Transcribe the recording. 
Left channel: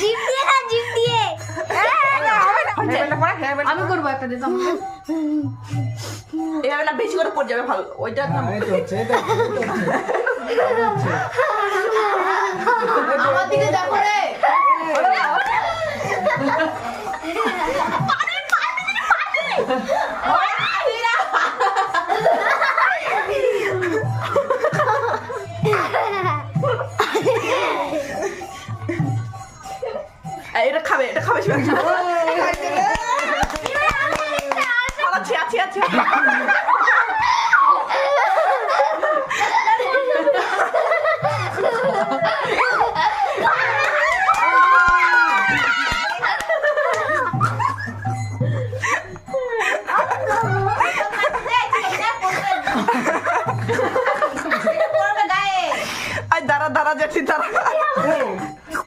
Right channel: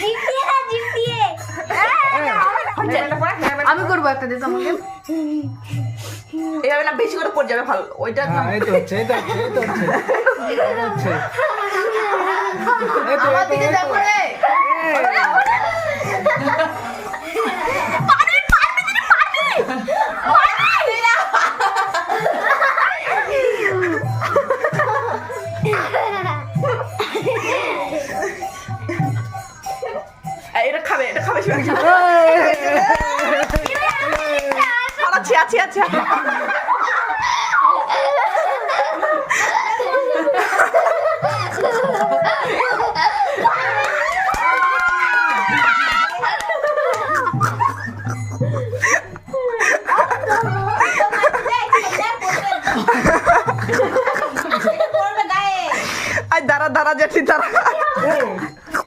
Zip দিয়ে না, zip দিয়ে। আমি করবো একটা দিতে আমাকে। এভাবে না বেশি করে পড়ে যাবে ভালো ওইটা না এই তো হচ্ছে, এই তো হচ্ছে, এই তো হচ্ছে। এই তো হচ্ছে। আমার দিকে দেখো রে। এটা খাবে আচ্ছা আচ্ছা আচ্ছা পড়বে গায়ে। দাঁড়া যেতে দাঁড়া ও